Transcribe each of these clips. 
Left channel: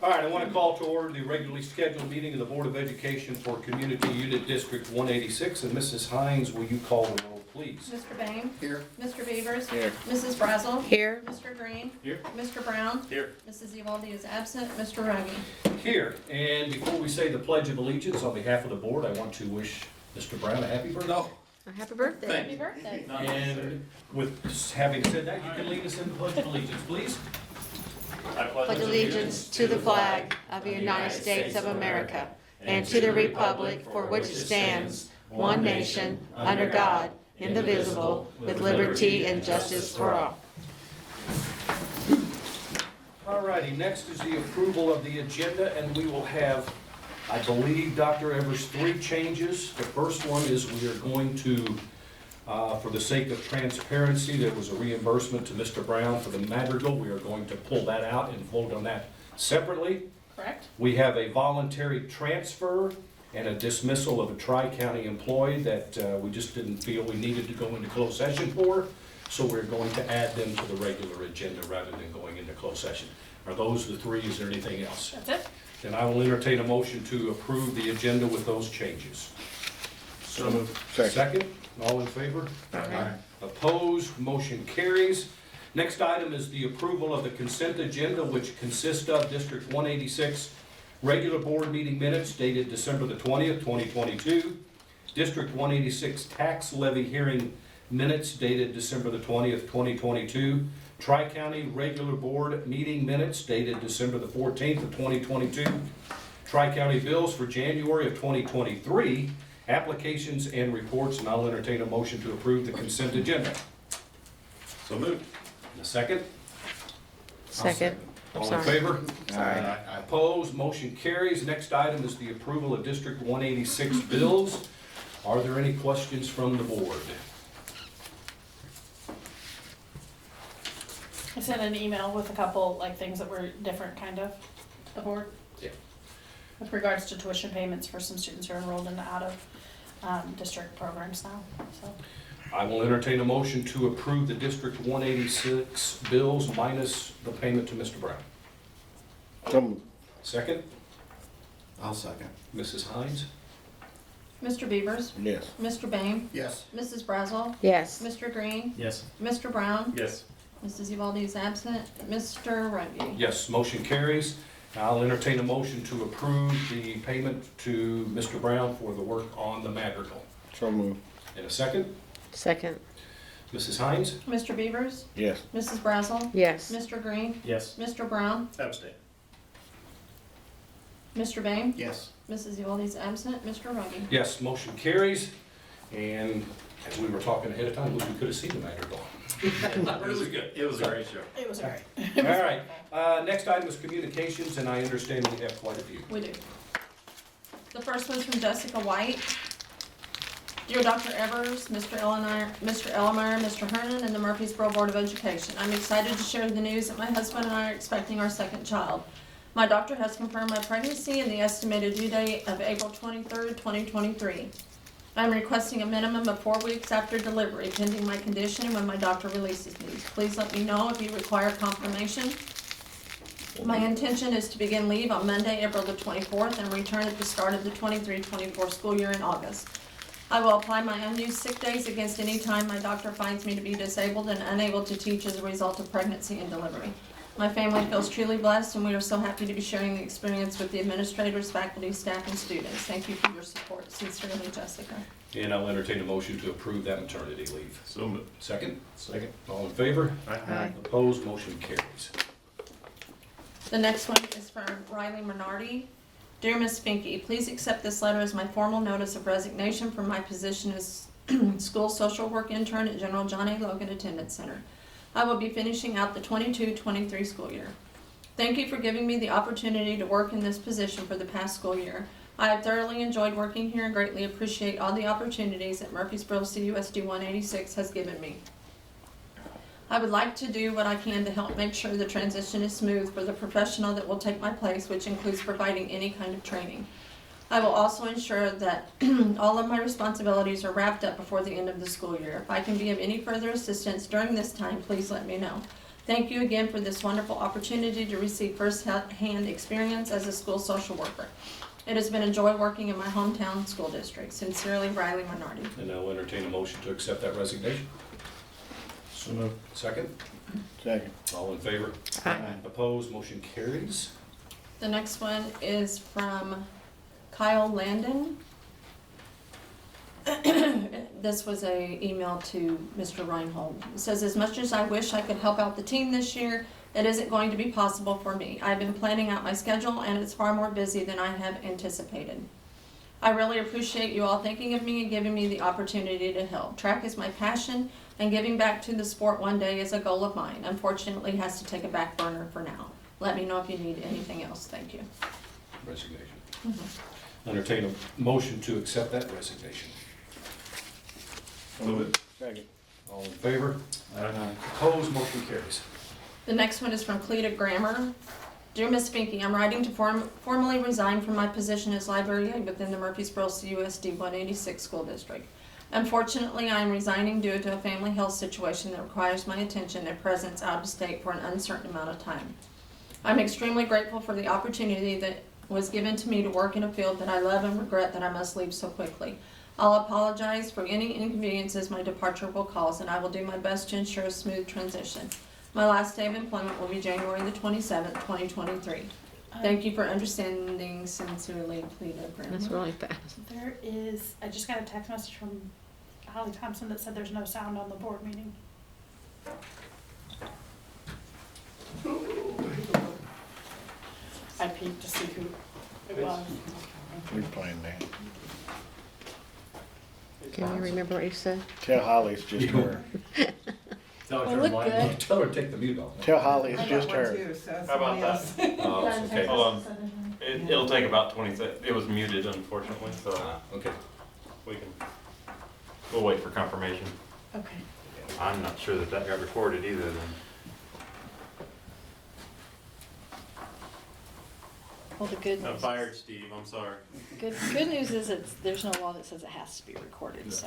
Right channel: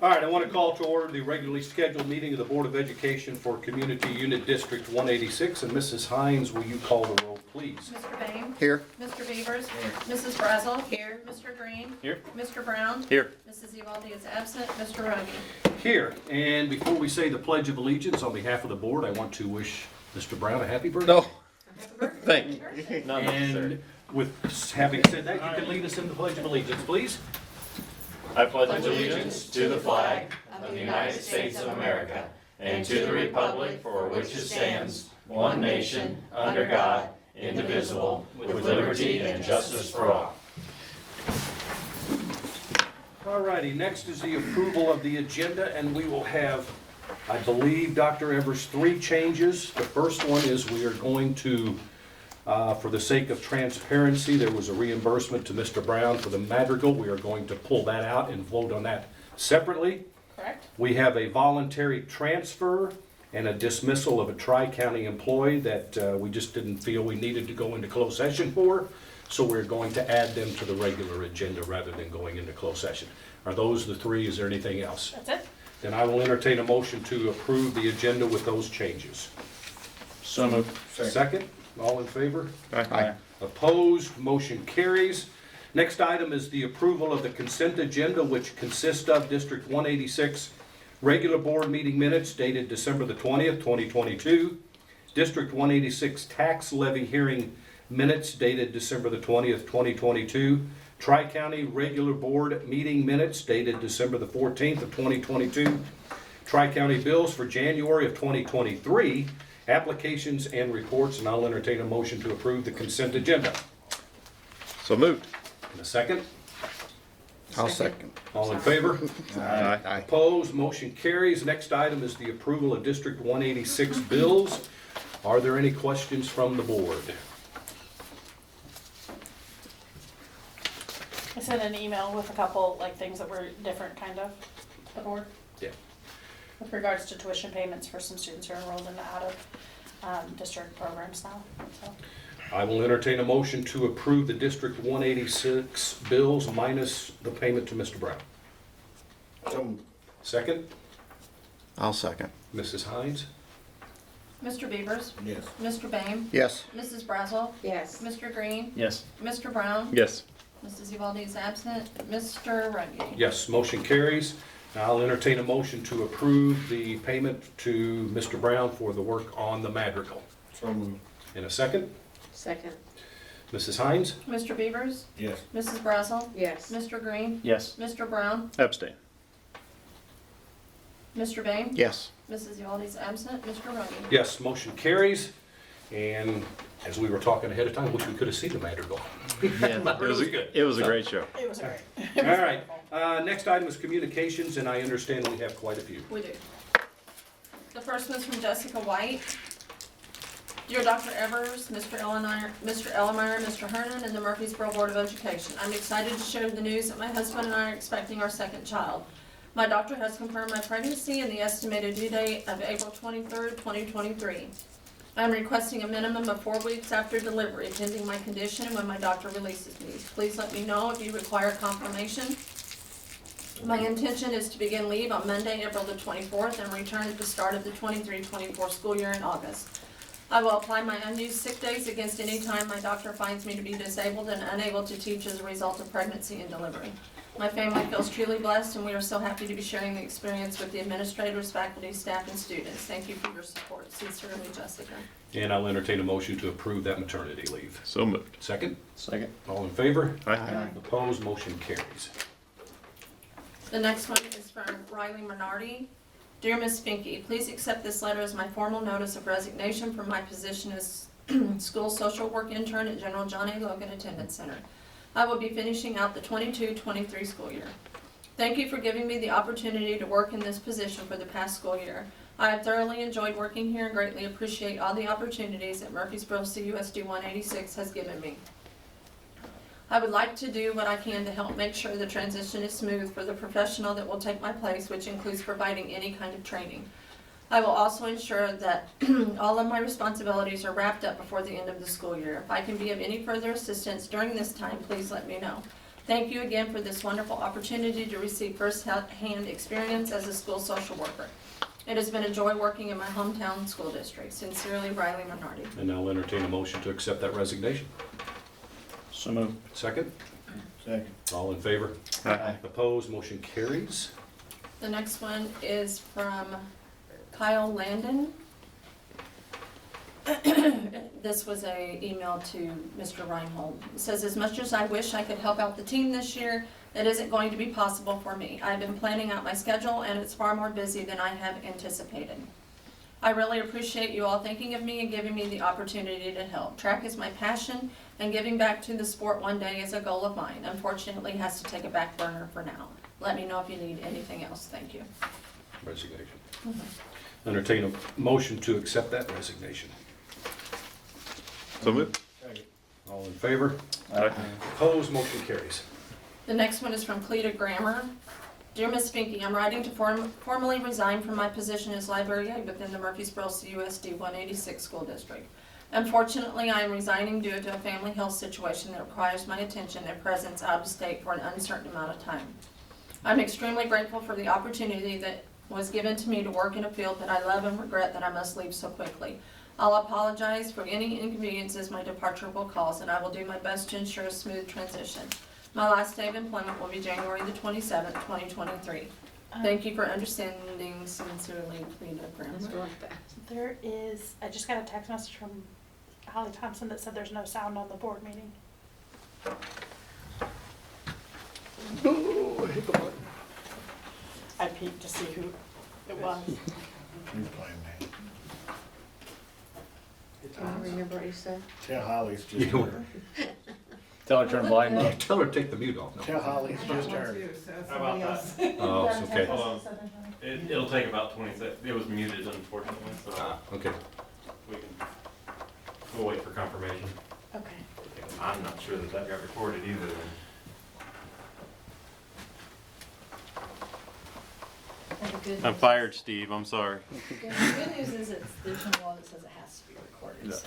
All right, I want to call to order the regularly scheduled meeting of the Board of Education for Community Unit District 186. And Mrs. Hines, will you call the roll, please? Mr. Bain? Here. Mr. Beavers? Here. Mrs. Brazel? Here. Mr. Green? Here. Mr. Brown? Here. Mrs. Evaldi is absent. Mr. Rungy? Here. And before we say the Pledge of Allegiance, on behalf of the board, I want to wish Mr. Brown a happy birthday. No. Happy birthday. Thank you. Birthday. And with having said that, you can lead us in the Pledge of Allegiance, please. I pledge Allegiance to the flag of the United States of America and to the republic for which it stands, one nation, under God, indivisible, with liberty and justice for all. All righty, next is the approval of the agenda, and we will have, I believe, Dr. Evers, 3 changes. The first one is we are going to, for the sake of transparency, there was a reimbursement to Mr. Brown for the Madrigal. We are going to pull that out and vote on that separately. Correct? We have a voluntary transfer and a dismissal of a tri-county employee that we just didn't feel we needed to go into closed session for. So we're going to add them to the regular agenda rather than going into closed session. Are those the 3? Is there anything else? That's it? Then I will entertain a motion to approve the agenda with those changes. So moved. Second, all in favor? Aye. Opposed, motion carries. Next item is the approval of the consent agenda, which consists of District 186 regular board meeting minutes dated December the 20th, 2022, District 186 tax levy hearing minutes dated December the 20th, 2022, Tri-County regular board meeting minutes dated December the 14th of 2022, Tri-County bills for January of 2023, applications and reports, and I'll entertain a motion to approve the consent agenda. So moved. In a second, I'll second. all in Sorry. favor? Aye. Opposed, motion carries. Next item is the approval of District 186 bills. Are there any questions from the board? I sent an email with a couple, things that were different, kind of, to the board. Yeah. With regards to tuition payments for some students who are enrolled in the out-of-district programs now, so. I will entertain a motion to approve the District 186 bills minus the payment to Mr. Brown. Second, I'll second. Mrs. Hines? Mr. Beavers? Yes. Mr. Bain? Yes. Mrs. Brazel? Yes. Mr. Green? Yes. Mr. Brown? Yes. Mrs. Evaldi is absent. Mr. Rungy? Yes, motion carries. I'll entertain a motion to approve the payment to Mr. Brown for the work on the Madrigal. So moved. In a second, Second. Mrs. Hines? Mr. Beavers? Yes. Mrs. Brazel? Yes. Mr. Green? Yes. Mr. Brown? Abstain. Mr. Bain? Yes. Mrs. Evaldi is absent. Mr. Rungy? Yes, motion carries. And as we were talking ahead of time, wish we could have seen the Madrigal. It was good. It was a great show. It was great. All right, next item is communications, and I understand we have quite a few. We do. The first one's from Jessica White. Dear Dr. Evers, Mr. Elmeyer, Mr. Hernan, and the Murphysboro Board of Education, I'm excited to share the news that my husband and I are expecting our second child. My doctor has confirmed my pregnancy and the estimated due date of April 23rd, 2023. I'm requesting a minimum of 4 weeks after delivery, pending my condition and when my doctor releases me. Please let me know if you require confirmation. My intention is to begin leave on Monday, April the 24th, and return at the start of the 23-24 school year in August. I will apply my unused sick days against any time my doctor finds me to be disabled and unable to teach as a result of pregnancy and delivery. My family feels truly blessed, and we are so happy to be sharing the experience with the administrators, faculty, staff, and students. Thank you for your support. Sincerely, Jessica. And I'll entertain a motion to approve that maternity leave. So moved. Second, Second. all in favor? Aye. Opposed, motion carries. The next one is from Riley Minardi. Dear Ms. Finke, please accept this letter as my formal notice of resignation from my position as school social work intern at General John A. Logan Attendance Center. I will be finishing out the 22-23 school year. Thank you for giving me the opportunity to work in this position for the past school year. I have thoroughly enjoyed working here and greatly appreciate all the opportunities that Murphysboro CUSD 186 has given me. I would like to do what I can to help make sure the transition is smooth for the professional that will take my place, which includes providing any kind of training. I will also ensure that all of my responsibilities are wrapped up before the end of the school year. If I can be of any further assistance during this time, please let me know. Thank you again for this wonderful opportunity to receive first-hand experience as a school social worker. It has been a joy working in my hometown school district. Sincerely, Riley Minardi. And I'll entertain a motion to accept that resignation. So moved. Second, Second. all in favor? Aye. Opposed, motion carries. The next one is from Kyle Landon. This was a email to Mr. Reinhold. It says, as much as I wish I could help out the team this year, it isn't going to be possible for me. I've been planning out my schedule and it's far more busy than I have anticipated. I really appreciate you all thinking of me and giving me the opportunity to help. Track is my passion and giving back to the sport one day is a goal of mine. Unfortunately, it has to take a back burner for now. Let me know if you need anything else. Thank you. Resignation. Entertain a motion to accept that resignation. So moved. All in favor? Aye. Opposed, motion carries. The next one is from Cleta Grammer. Dear Ms. Finke, I'm writing to formally resign from my position as library aide within the Murphysboro CUSD 186 school district. Unfortunately, I am resigning due to a family health situation that requires my attention and presence out of state for an uncertain amount of time. I'm extremely grateful for the opportunity that was given to me to work in a field that I love and regret that I must leave so quickly. I'll apologize for any inconveniences my departure will cause, and I will do my best to ensure a smooth transition. My last day of employment will be January the 27th, 2023. Thank you for understanding. Sincerely, Cleta Grammer. That's really fast. There is, I just got a text message from Holly Thompson that said there's no sound on the board meeting. I peeked to see who it was. We're playing that. Can you remember what you said? Tell Holly's just You- her. Tell her to turn the volume up. Tell her to take the mute off. Tell Holly it's I just got one her. too, so How somebody about else. Oh, okay. Hold on. It'll take about 20 seconds. It was muted unfortunately, so Okay. we can, we'll wait for confirmation. Okay. I'm not sure that got recorded either then. Well, the good I news fired Steve, I'm sorry. Good news is there's no law that says it has to be recorded, so.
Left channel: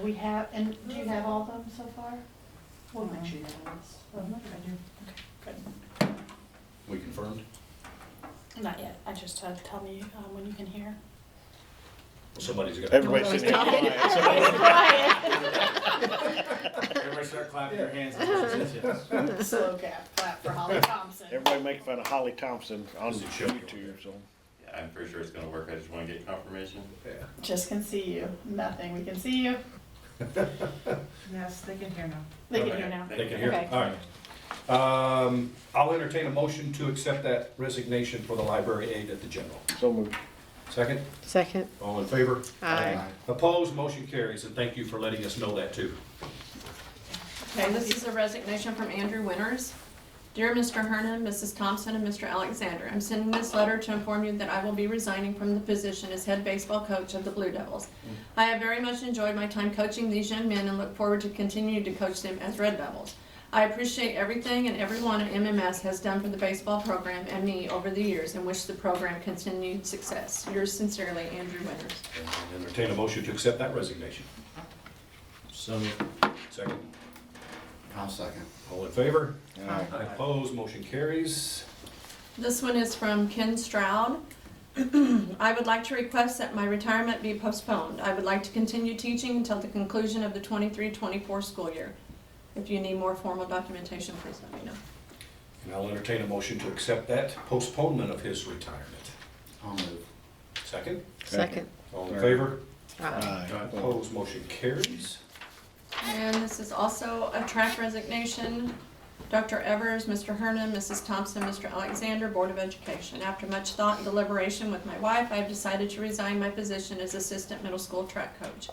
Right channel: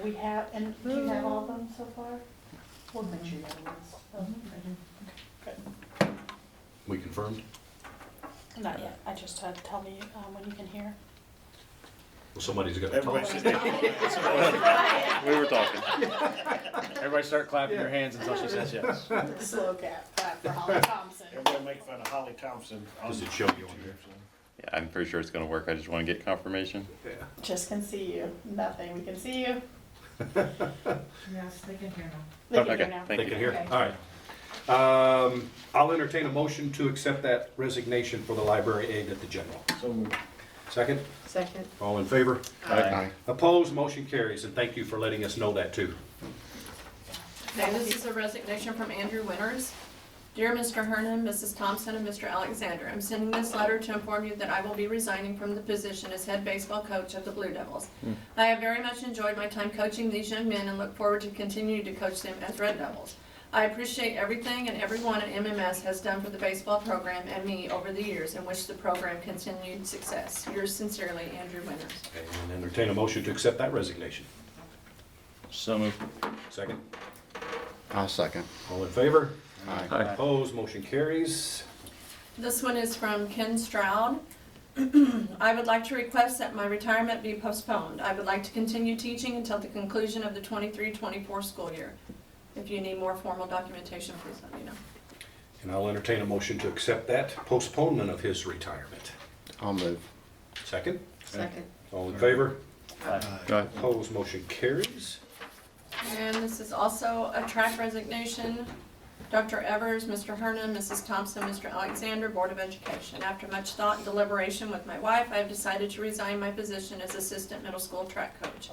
We have, and do you have all of them so far? We'll make sure you have ones. I do. Good. We confirmed? Not yet. I just tell me when you can hear. Well, somebody's got to Everybody talk. sit down. Somebody- We were talking. Everybody start clapping your hands until she says yes. Slow clap for Holly Thompson. Everybody make fun of Holly Thompson on Does it show you on YouTube, here? so. Yeah, I'm pretty sure it's gonna work. I just wanna get confirmation. Yeah. Just can see you. Nothing. We can see you. Yes, they can hear now. They can Okay, hear now. thank They you. can hear? Okay. All right. I'll entertain a motion to accept that resignation for the library aide at the general. So moved. Second, Second. all in favor? Aye. Opposed, motion carries, and thank you for letting us know that too. Okay, this is a resignation from Andrew Winters. Dear Mr. Hernan, Mrs. Thompson, and Mr. Alexander, I'm sending this letter to inform you that I will be resigning from the position as head baseball coach of the Blue Devils. I have very much enjoyed my time coaching these young men and look forward to continuing to coach them as Red Devils. I appreciate everything and everyone at MMS has done for the baseball program and me over the years and wish the program continued success. Yours sincerely, Andrew Winters. And entertain a motion to accept that resignation. So moved. Second, I'll second. all in favor? Aye. Opposed, motion carries. This one is from Ken Stroud. I would like to request that my retirement be postponed. I would like to continue teaching until the conclusion of the 23-24 school year. If you need more formal documentation, please let me know. And I'll entertain a motion to accept that postponement of his retirement. I'll move. Second, Second. all in favor? Aye. Opposed, motion carries. And this is also a track resignation. Dr. Evers, Mr. Hernan, Mrs. Thompson, Mr. Alexander, Board of Education. After much thought and deliberation with my wife, I have decided to resign my position as assistant middle school track coach.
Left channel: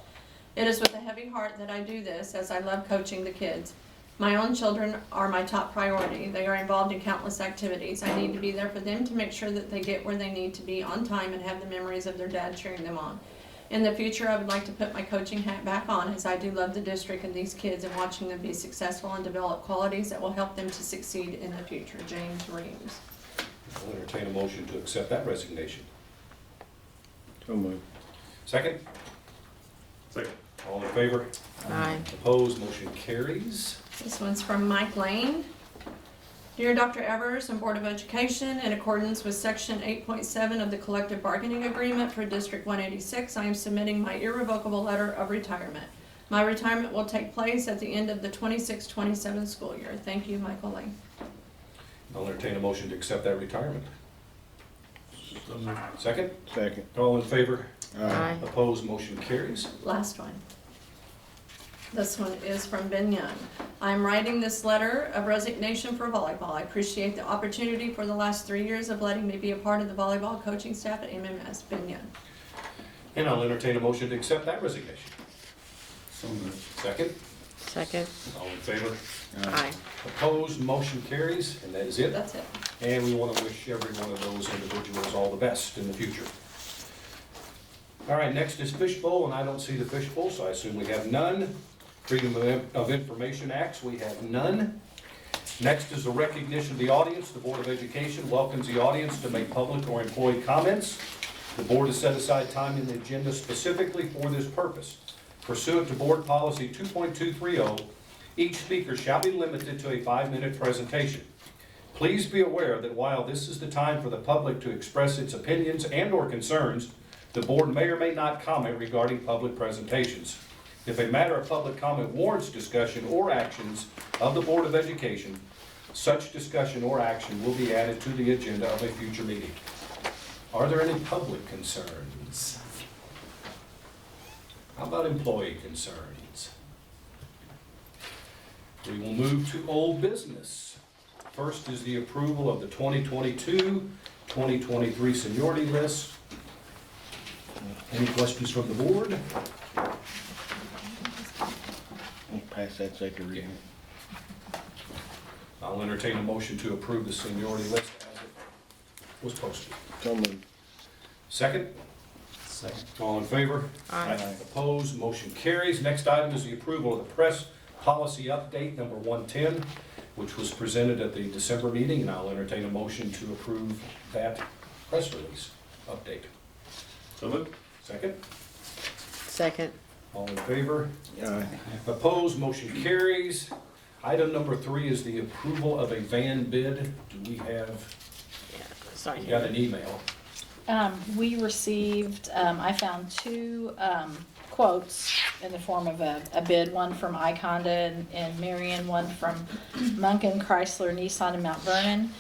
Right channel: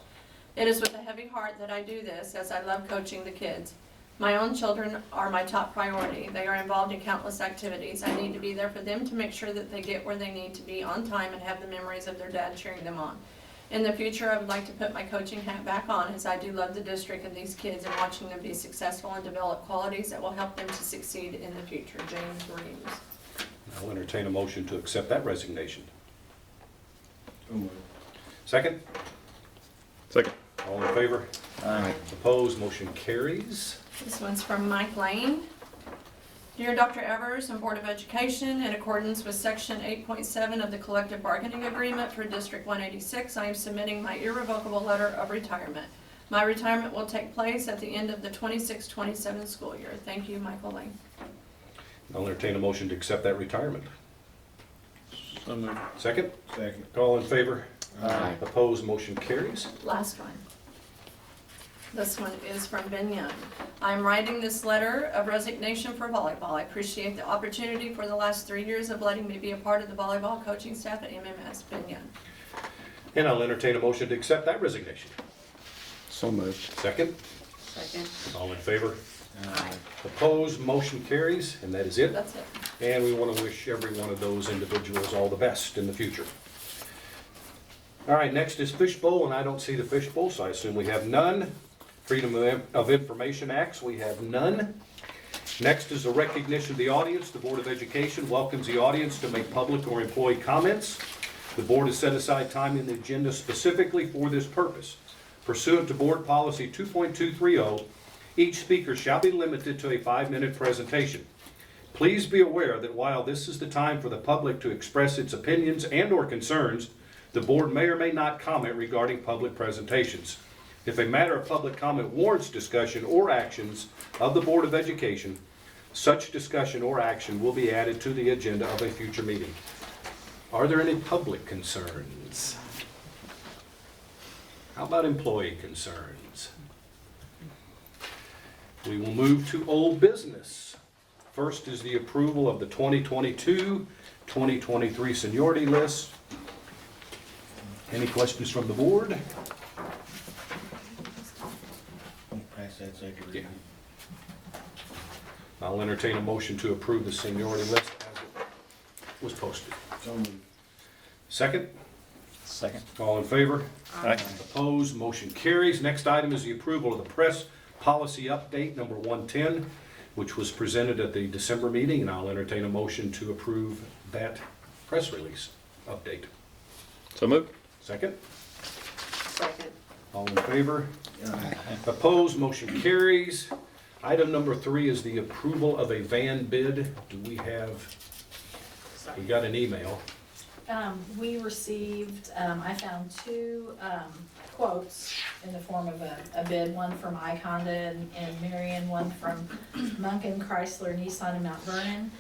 It is with a heavy heart that I do this, as I love coaching the kids. My own children are my top priority. They are involved in countless activities. I need to be there for them to make sure that they get where they need to be on time and have the memories of their dad cheering them on. In the future, I would like to put my coaching hat back on, as I do love the district and these kids and watching them be successful and develop qualities that will help them to succeed in the future. James Reeves. I'll entertain a motion to accept that resignation. So moved. Second, Second. all in favor? Aye. Opposed, motion carries. This one's from Mike Lane. Dear Dr. Evers and Board of Education, in accordance with Section 8.7 of the Collective Bargaining Agreement for District 186, I am submitting my irrevocable letter of retirement. My retirement will take place at the end of the 26-27 school year. Thank you, Michael Lane. I'll entertain a motion to accept that retirement. So moved. Second? Second. All in favor? Aye. Opposed, motion carries. Last one. This one is from Ben Young. I'm writing this letter of resignation for volleyball. I appreciate the opportunity for the last 3 years of letting me be a part of the volleyball coaching staff at MMS. Ben Young. And I'll entertain a motion to accept that resignation. So moved. Second? Second. All in favor? Aye. Opposed, motion carries, and that is it. That's it. And we want to wish every one of those individuals all the best in the future. All right, next is fishbowl, and I don't see the fishbowl, so I assume we have none. Freedom of Information Acts, we have none. Next is the recognition of the audience. The Board of Education welcomes the audience to make public or employee comments. The board has set aside time in the agenda specifically for this purpose. Pursuant to Board Policy 2.230, each speaker shall be limited to a 5-minute presentation. Please be aware that while this is the time for the public to express its opinions and/or concerns, the board may or may not comment regarding public presentations. If a matter of public comment warrants discussion or actions of the Board of Education, such discussion or action will be added to the agenda of a future meeting. Are there any public concerns? How about employee concerns? We will move to old business. First is the approval of the 2022-2023 seniority list. Any questions from the board? I'll pass that second reading. I'll entertain a motion to approve the seniority list as it was posted. So moved. Second? Second. All in favor? Aye. Opposed, motion carries. Next item is the approval of the press policy update number 110, which was presented at the December meeting, and I'll entertain a motion to approve that press release update. So moved. Second? Second. All in favor? Aye. Opposed, motion carries. Item number 3 is the approval of a van bid. Do we have, we got an email. We received, I found 2 quotes in the form of a bid, one from Ike Honda in Marion, one from Munkin Chrysler Nissan in Mount Vernon.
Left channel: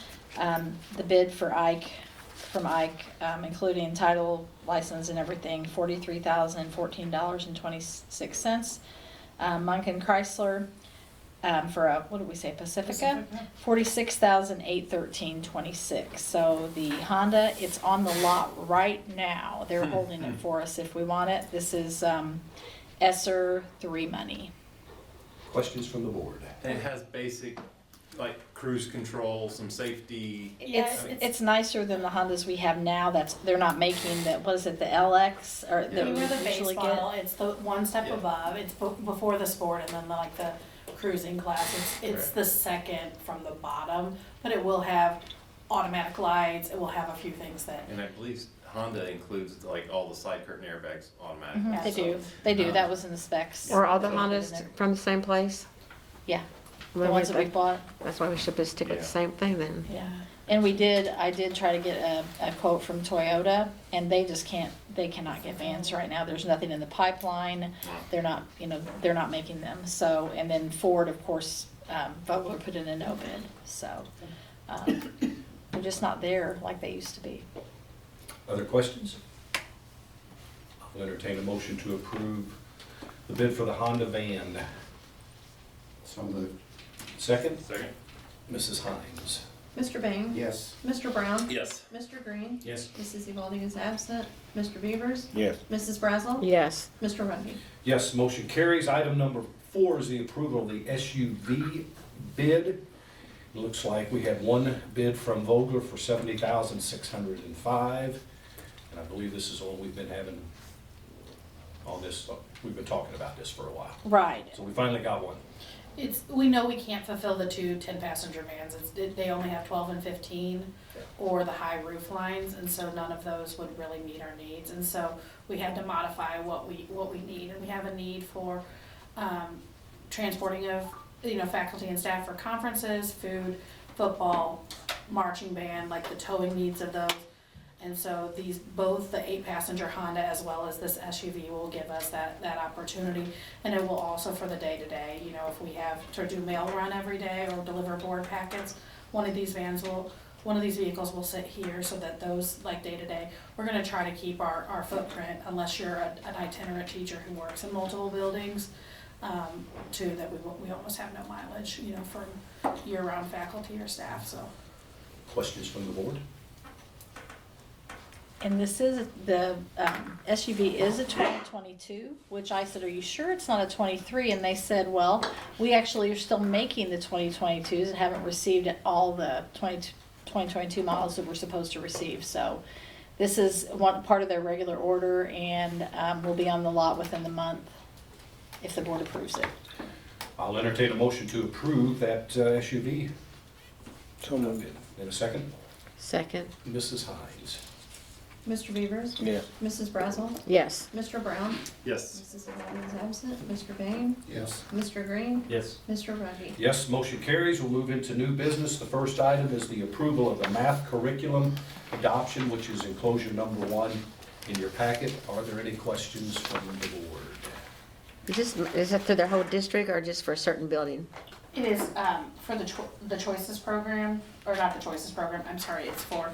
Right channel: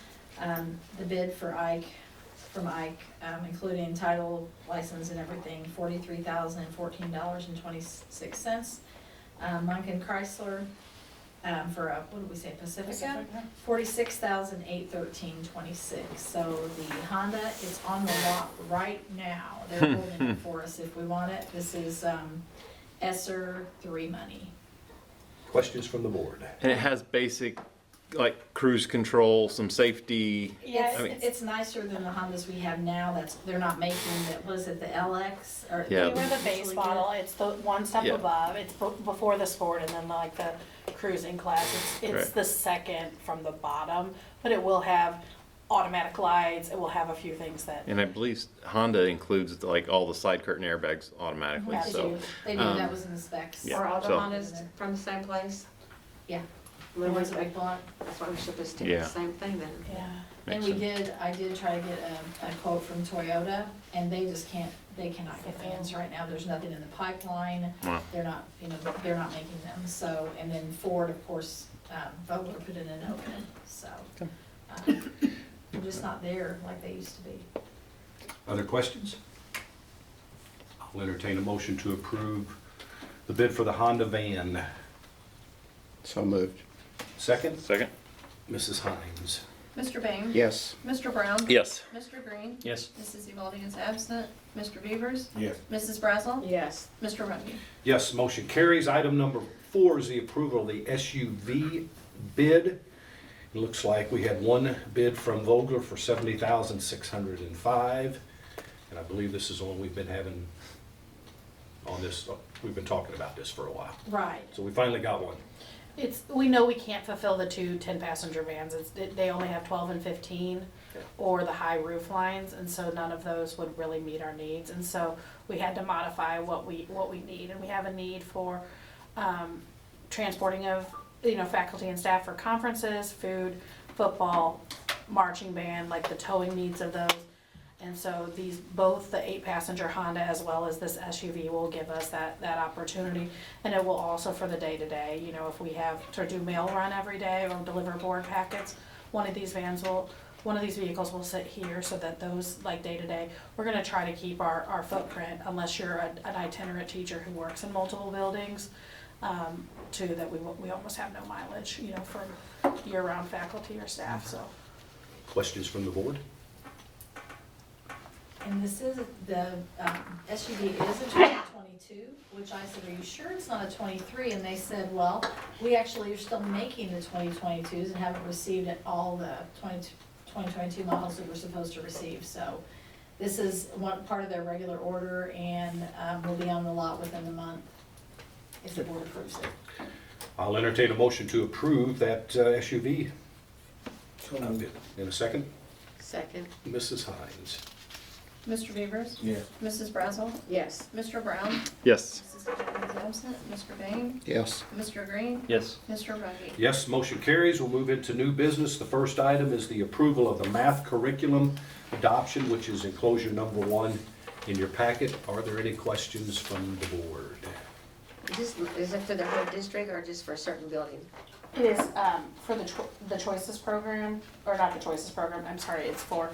The bid for Ike, including title, license and everything, $43,014.26. Munkin Chrysler, for a, what did we say, Pacifica? $46,813.26. So the Honda, it's on the lot right now. They're holding it for us if we want it. This is ESSER 3 money. Questions from the board? And it has basic, like cruise control, some safety. Yeah, I mean- it's nicer than the Hondas we have now. They're not making the, what is it, the LX or Yeah. they You were wear the base model, it's the one step Yeah. above, it's before the sport, and then like the cruising class, it's Right. the second from the bottom, but it will have automatic lights, it will have a few things that, And I believe Honda includes like all the side curtain airbags automatically. They so- do. They do. That um, was in the specs. Yeah. Were all the So- Hondas from the same place? Yeah. The ones that we bought. That's why we should just stick with Yeah. the same thing then. Yeah. And I did try to get a quote from Toyota, and they cannot get vans right now. There's nothing in the pipeline. Wow. They're not, they're not making them. So, and then Ford, of course, Vogler put in a no bid. So, they're just not there like they used to be. Other questions? I'll entertain a motion to approve the bid for the Honda van. So moved. Second? Second? Mrs. Hines. Mr. Bain? Yes. Mr. Brown? Yes. Mr. Green? Yes. Mrs. Evaldi is absent. Mr. Beavers? Yes. Mrs. Brazel? Yes. Mr. Rungy? Yes, motion carries. Item number 4 is the approval of the SUV bid. It looks like we had one bid from Vogler for $70,605. And I believe this is the one we've been having on this, we've been talking about this for a while. right. So we finally got one. We know we can't fulfill the 2 10-passenger vans, they only have 12 and 15, or the high roof lines, and so none of those would really meet our needs, and so we had to modify what we need, and we have a need for transporting of faculty and staff for conferences, food, football, marching band, like the towing needs of those. And so these, both the 8-passenger Honda as well as this SUV will give us that opportunity. And it will also for the day-to-day, you know, if we have to do mail run every day or deliver board packets, one of these vehicles will sit here so that those, like day-to-day, we're gonna try to keep our footprint, unless you're an itinerant teacher who works in multiple buildings, to that we almost have no mileage, you know, from year-round faculty or staff, so. Questions from the board? And this is, the SUV is a 2022, which I said, are you sure it's not a 23? And they said, well, we actually are still making the 2022s and haven't received all the 2022 models that we're supposed to receive. So this is one part of their regular order, and will be on the lot within the month if the board approves it. I'll entertain a motion to approve that SUV. So moved. In a second, Second. Mrs. Hines. Mr. Beavers? Yes. Mrs. Brazel? Yes. Mr. Brown? Yes. Mrs. Hines is absent. Mr. Bain? Yes. Mr. Green? Yes. Mr. Ruggie? Yes, motion carries. We'll move into new business. The first item is the approval of the math curriculum adoption, which is enclosure number 1 in your packet. Are there any questions from the board? Is it for the whole district or just for a certain building? It is for the Choices program, or not the Choices program, I'm sorry, it's for,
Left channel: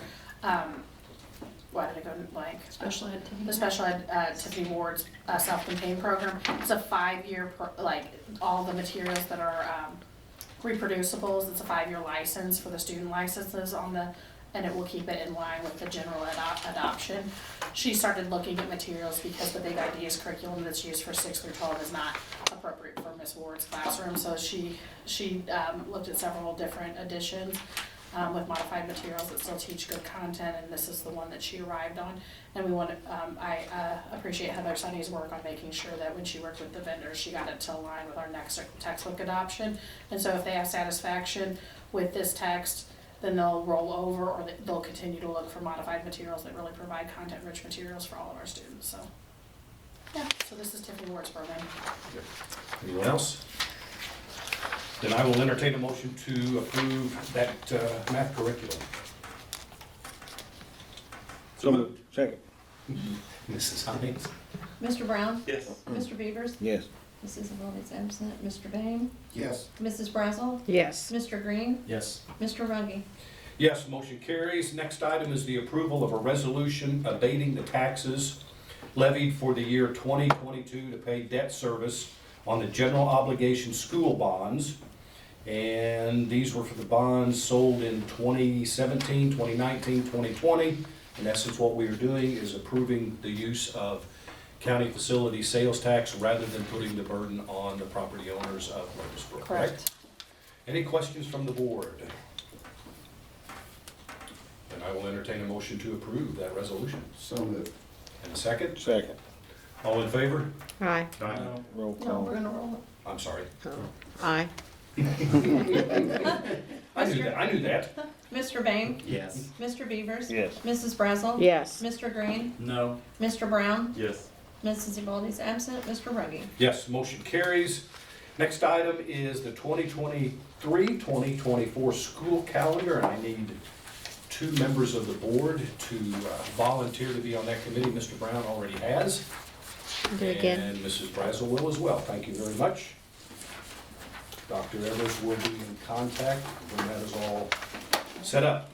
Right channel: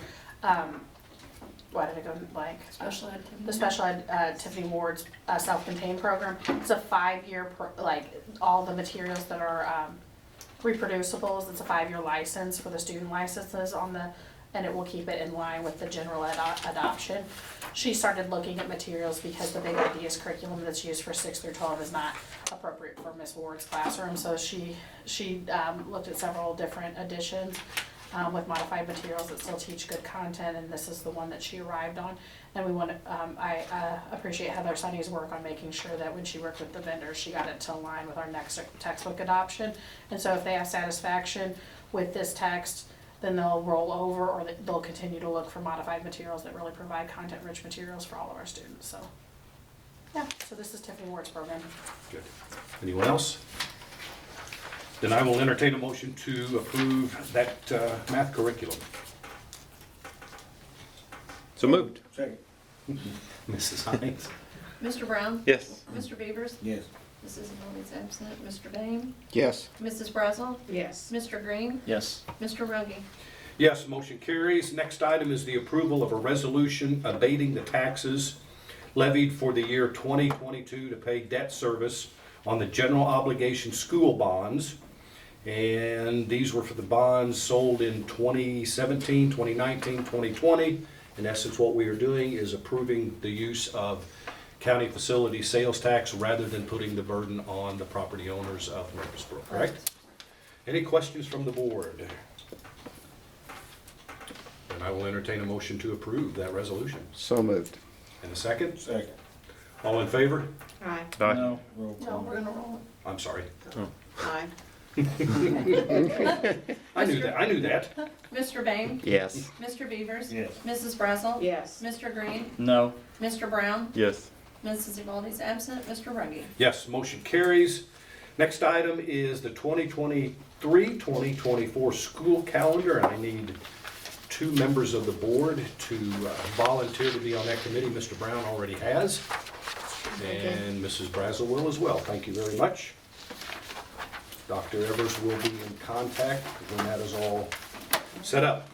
why did I go blank? Special ed Tiffany. The Special Ed Tiffany Ward's self-contained program. It's a 5-year, all the materials that are reproducibles, it's a 5-year license for the student licenses and it will keep it in line with the general adoption. She started looking at materials because the Big Ideas curriculum that's used for 6 through 12 is not appropriate for Miss Ward's classroom. So she looked at several different editions with modified materials that still teach good content, and this is the one that she arrived on. And we want to, I appreciate Heather Sunny's work on making sure that when she worked with the vendors, she got it to align with our next textbook adoption. And so if they have satisfaction with this text, then they'll roll over, or they'll continue to look for modified materials that really provide content-rich materials for all of our students, so. Yeah, so this is Tiffany Ward's program. Good. Anyone else? Then I will entertain a motion to approve that math curriculum. So moved. Second. Mrs. Hines? Mr. Brown? Yes. Mr. Beavers? Yes. Mrs. Evaldi's absent. Mr. Bain? Yes. Mrs. Brazel? Yes. Mr. Green? Yes. Mr. Ruggie? Yes, motion carries. Next item is the approval of a resolution abating the taxes levied for the year 2022 to pay debt service on the general obligation school bonds. And these were for the bonds sold in 2017, 2019, 2020. In essence, what we are doing is approving the use of county facility sales tax rather than putting the burden on the property owners of Murphysboro, correct? Any questions from the board? Then I will entertain a motion to approve that resolution. So moved. And a second? Second. All in favor? Aye. Aye. No. Roll No, call. we're gonna roll it. I'm sorry. Aye. I knew that. Mr. Bain? Yes. Mr. Beavers? Yes. Mrs. Brazel? Yes. Mr. Green? No. Mr. Brown? Yes. Mrs. Evaldi's absent. Mr. Ruggie? Yes, motion carries. Next item is the 2023-2024 school calendar, and I need 2 members of the board to volunteer to be on that committee. Mr. Brown already has, and Mrs. Brazel will as well. Thank you very much. Dr. Evers will be in contact when that is all set up.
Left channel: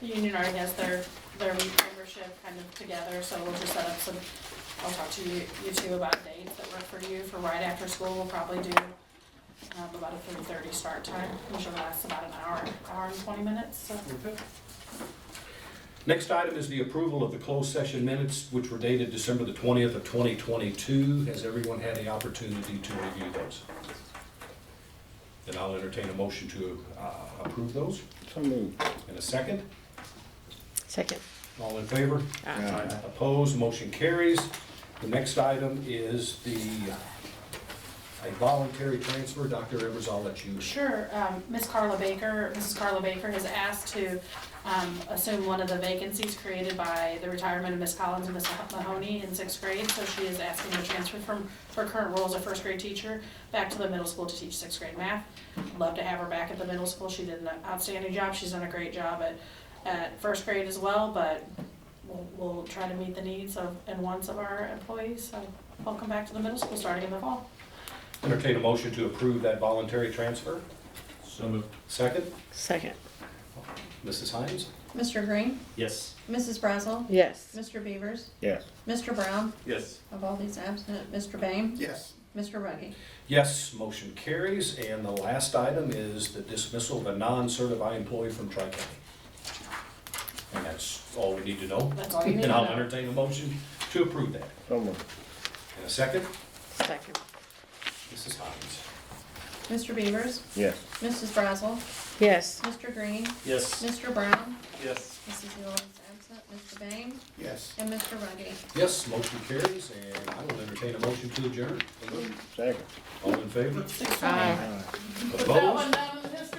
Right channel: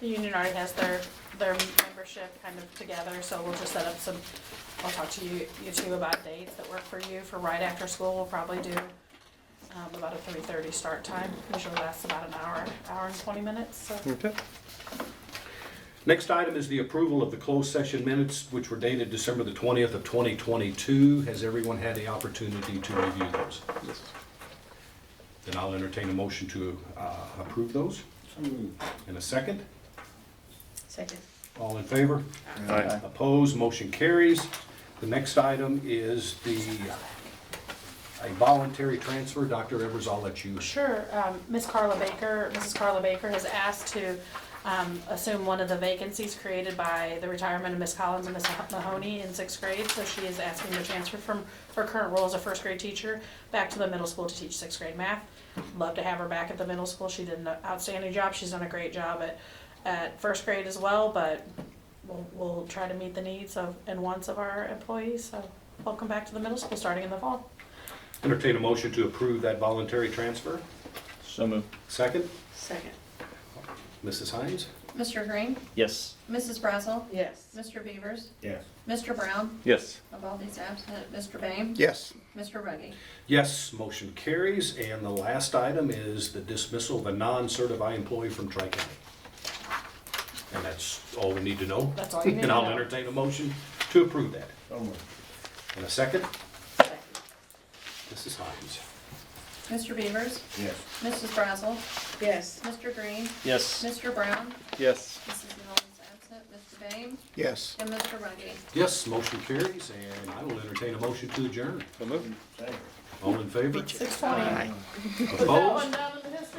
The union already has their membership kind of together, so we'll just set up some, I'll talk to you two about dates that work for you for right after school. We'll probably do about a 3:30 start time. Usually lasts about an hour and 20 minutes, so. Okay. Next item is the approval of the closed session minutes, which were dated December the 20th of 2022. Has everyone had the opportunity to review those? Then I'll entertain a motion to approve those. So moved. In a second. Second. All in favor? Aye. Opposed? Motion carries. The next item is a voluntary transfer. Dr. Evers, I'll let you. Sure, Mrs. Carla Baker has asked to assume one of the vacancies created by the retirement of Miss Collins and Miss Mahoney in 6th grade. So she is asking to transfer from her current role as a 1st grade teacher back to the middle school to teach 6th grade math. Love to have her back at the middle school. She did an outstanding job. She's done a great job at 1st grade as well, but we'll try to meet the needs and wants of our employees. So welcome back to the middle school starting in the fall. Entertain a motion to approve that voluntary transfer. So moved. Second, Second. Mrs. Hines? Mr. Green? Yes. Mrs. Brazel? Yes. Mr. Beavers? Yes. Mr. Brown? Yes. Of all these absent, Mr. Bame? Yes. Mr. Ruggie? Yes, motion carries. And the last item is the dismissal of a non-certified employee from Tri-County. And that's all we need to know. That's all you need And to I'll know. entertain a motion to approve that. So moved. In a second, Second. Mrs. Hines. Mr. Beavers? Yes. Mrs. Brazel? Yes. Mr. Green? Yes. Mr. Brown? Yes. Mrs. Eloy is absent, Mr. Bame? Yes. And Mr. Ruggie? Yes, motion carries, and I will entertain a motion to adjourn. So moved. Second. All in favor? 6:20. Opposed? Put that one down in the history